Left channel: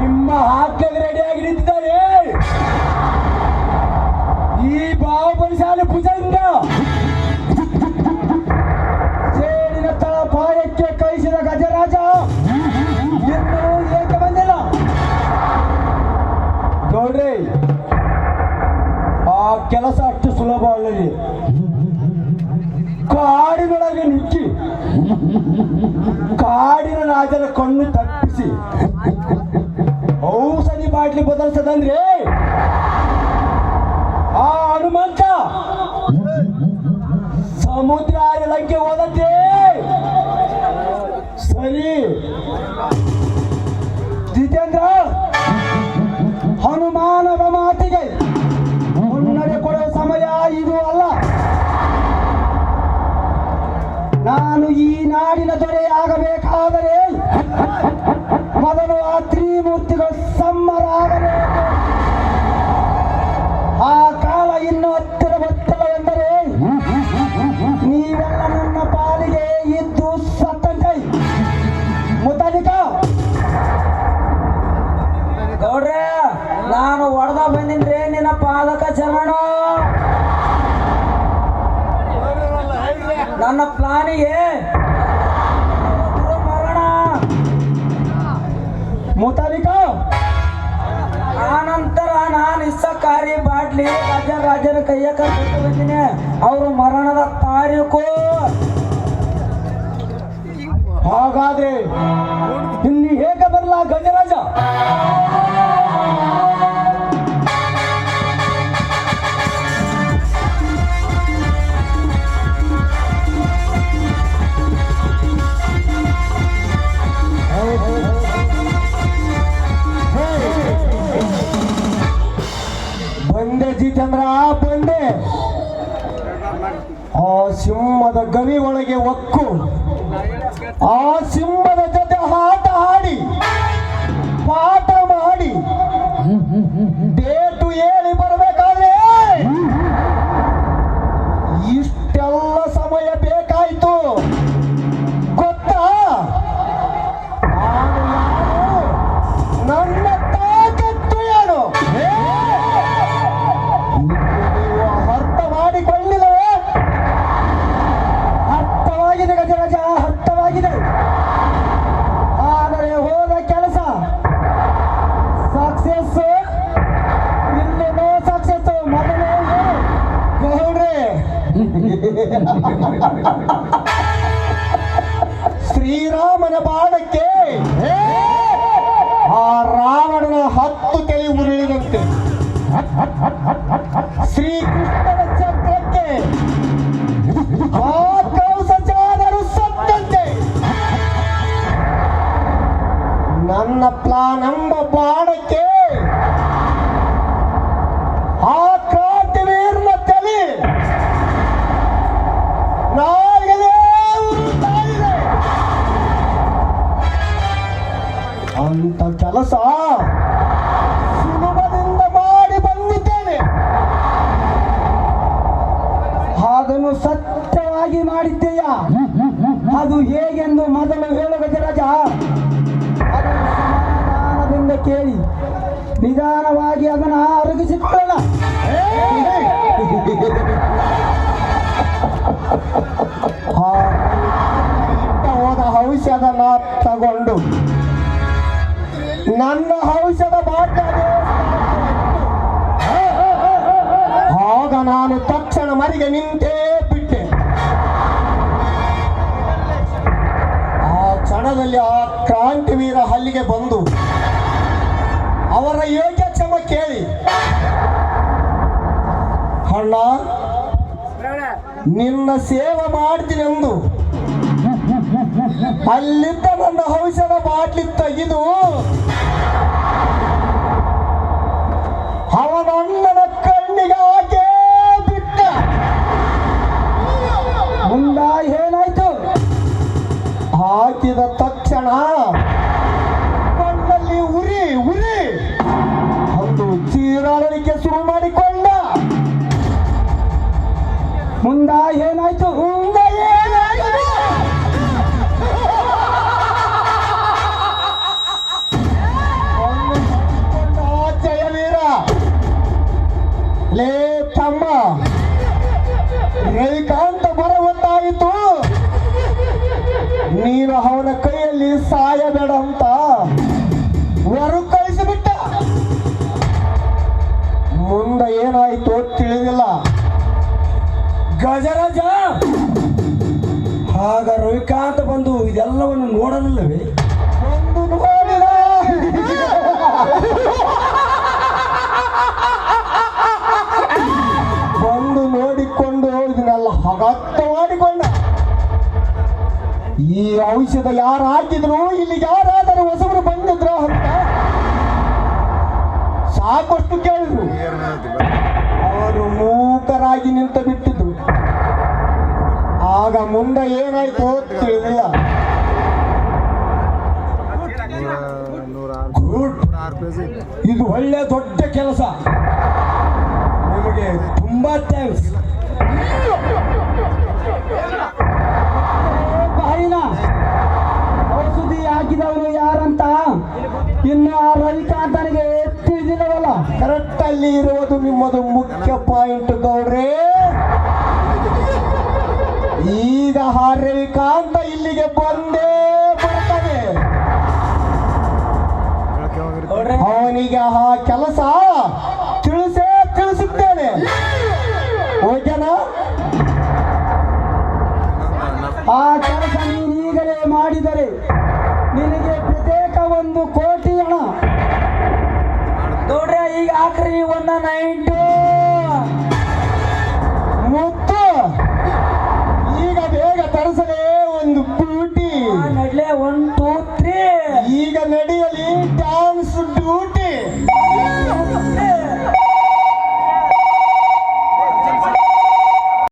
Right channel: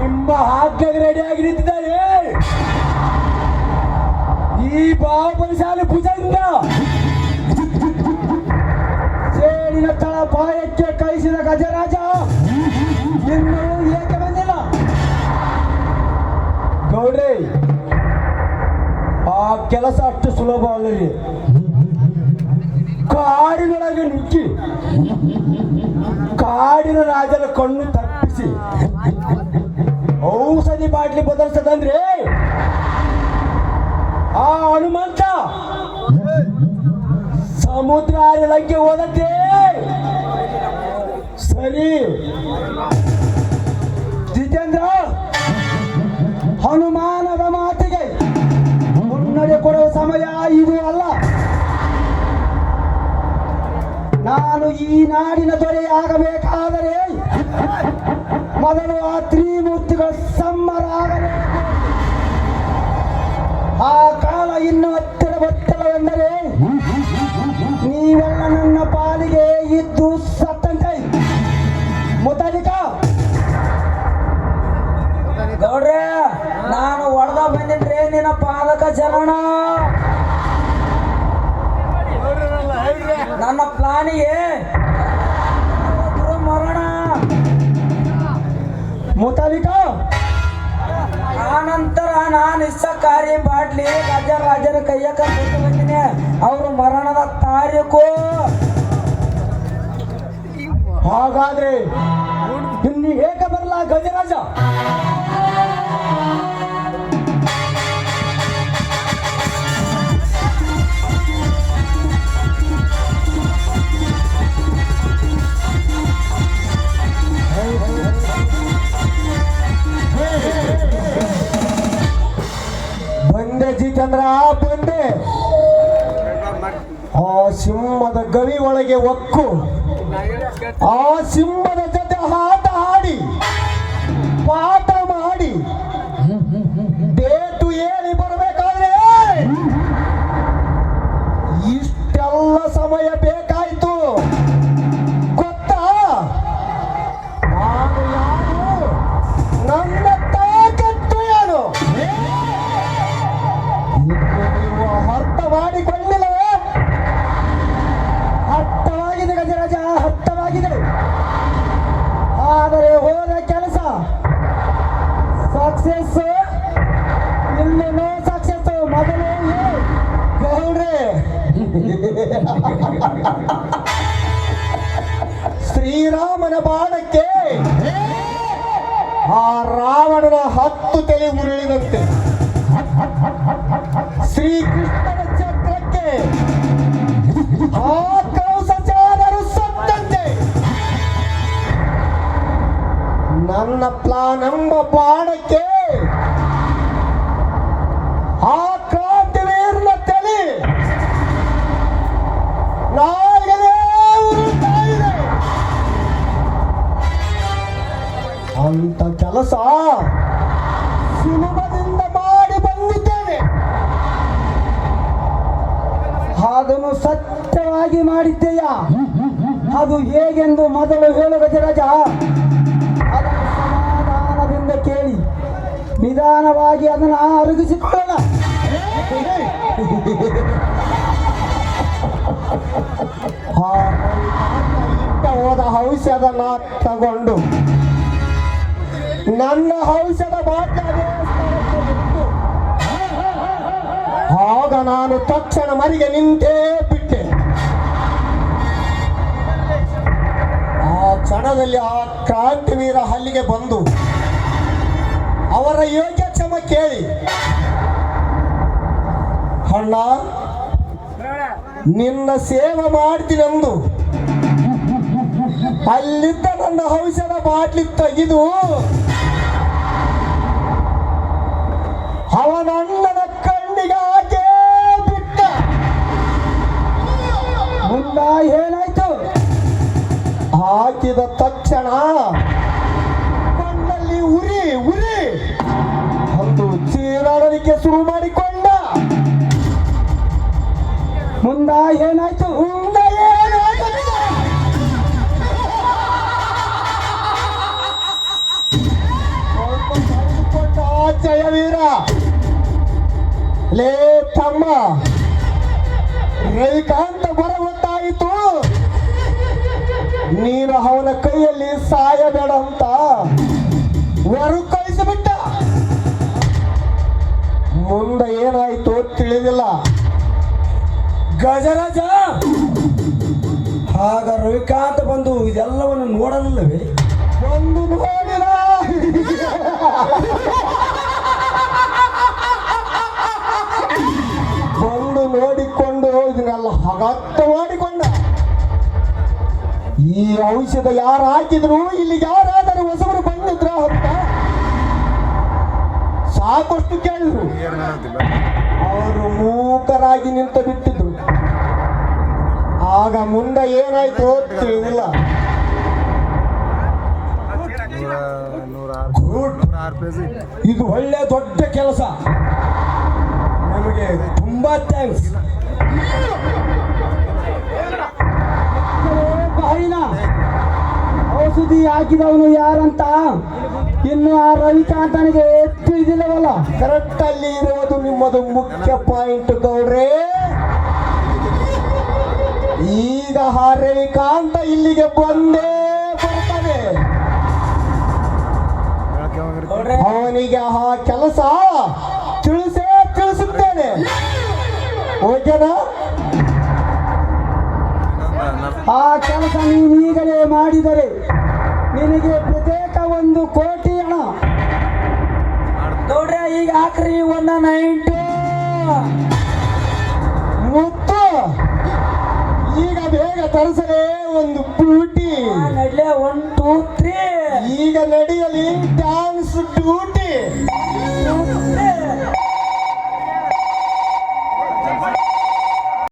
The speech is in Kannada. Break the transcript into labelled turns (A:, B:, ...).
A: ನಿಮ್ಮ ಹಾಕಿಗೆ ರೆಡಿಯಾಗಿ ನಿಂತಿದ್ದಾರೆ. ಈ ಬಾಬರಿ ಶಾಲೆ ಭುಜಂಗ ಸೇರಿನ ತಳ ಪಾಯಕ್ಕೆ ಕೈಸಿದ ಗಜರಾಜ ಇನ್ನೂ ಏಕೆ ಬಂದಿಲ್ಲ? ಗೌಡ್ರಿ, ಆ ಕೆಲಸ ಅಷ್ಟು ಸುಲಭ ಅಲ್ಲರಿ. ಕಾಡಿನೊಳಗೆ ನುಗ್ಗಿ ಕಾ Salut Du tendre ಜಿತೇಂದ್ರ ಬೆಂಡೆ ಆ ಸಿಂಹದ ಗವಿ ಒಳಗೆ ಒಕ್ಕು. ರಾವಣನ ಬಾಣಕ್ಕೆ ಆ ರಾವಣನ ಹತ್ತು ತಲೆ ಉರುಳಿದಂತೆ. ಶ್ರೀಕೃಷ್ಣನ ಚಕ್ರಕ್ಕೆ ಸತ್ಯಂತೆ ನನ್ನ ಅಂತ ಕೆಲಸ ಸುಲಭದಿಂದ ಮಾಡಿ ಬಂದಿದ್ದೇನೆ. ಅದನ್ನು ಸತ್ಯವಾಗಿ ಮಾಡಿದ್ದೇಯ? ಅದು ಹೇಗೆಂದು ಮೊದಲು ಹೇಳುವ ರಾಜ ಕೇಳಿ. ನಿಧಾನವಾಗಿ ಅದನ್ನು ಅರಗಿಸಿಕೊಳ್ಳೋಣ. ಅಣ್ಣ ನಿನ್ನ ಸೇವೆ ಮಾಡ್ತೀನಂದು. ಅಲ್ಲಿದ್ದ ನನ್ನ ಔಷಧ ಬಾಟ್ಲಿ ತೆಗೆದು ಏನಾಯ್ತು? ಜಯವೀರ. ಲೇ ತಮ್ಮ. ರೈಕಾಂತ ಬರವತ್ತಾಯಿತು.
B: ನೀನು ಅವನ ಕೈಯಲ್ಲಿ ಸಾಯಬೇಡ.
A: ಬಂದು ಇದೆಲ್ಲವನ್ನು ನೋಡಲಿಲ್ಲವೇ?
B: ಒಂದು ನೋಡಿದ. ಬಂದು ನೋಡಿಕೊಂಡು ಇದನ್ನೆಲ್ಲ ಹಗತ್ತ ಮಾಡಿಕೊಂಡ. ಈ ಔಷಧ ಯಾರು ಹಾಕಿದ್ರು
A: ಇದು ಒಳ್ಳೆ ದೊಡ್ಡ ಕೆಲಸ. ನಿಮಗೆ ತುಂಬಾ ಥ್ಯಾಂಕ್ಸ್ ಬಾಯಿನ ಔಷಧಿ ಹಾಕಿದವನು ಯಾರಂತ? ಇನ್ನು ಆ ರವಿಕಾಂತನಿಗೆ ತಿಳಿದಿಲ್ಲವಲ್ಲ
B: ಕರೆಕ್ಟ್ ಅಲ್ಲಿ ಇರೋದು ನಿಮ್ಮದು ಮುಖ್ಯ
C: ನನಗೆ ಕೆಲಸ
A: ತಿಳಿಸೇ
B: ತಿಳಿಸುತ್ತೇನೆ. ಓಕೆ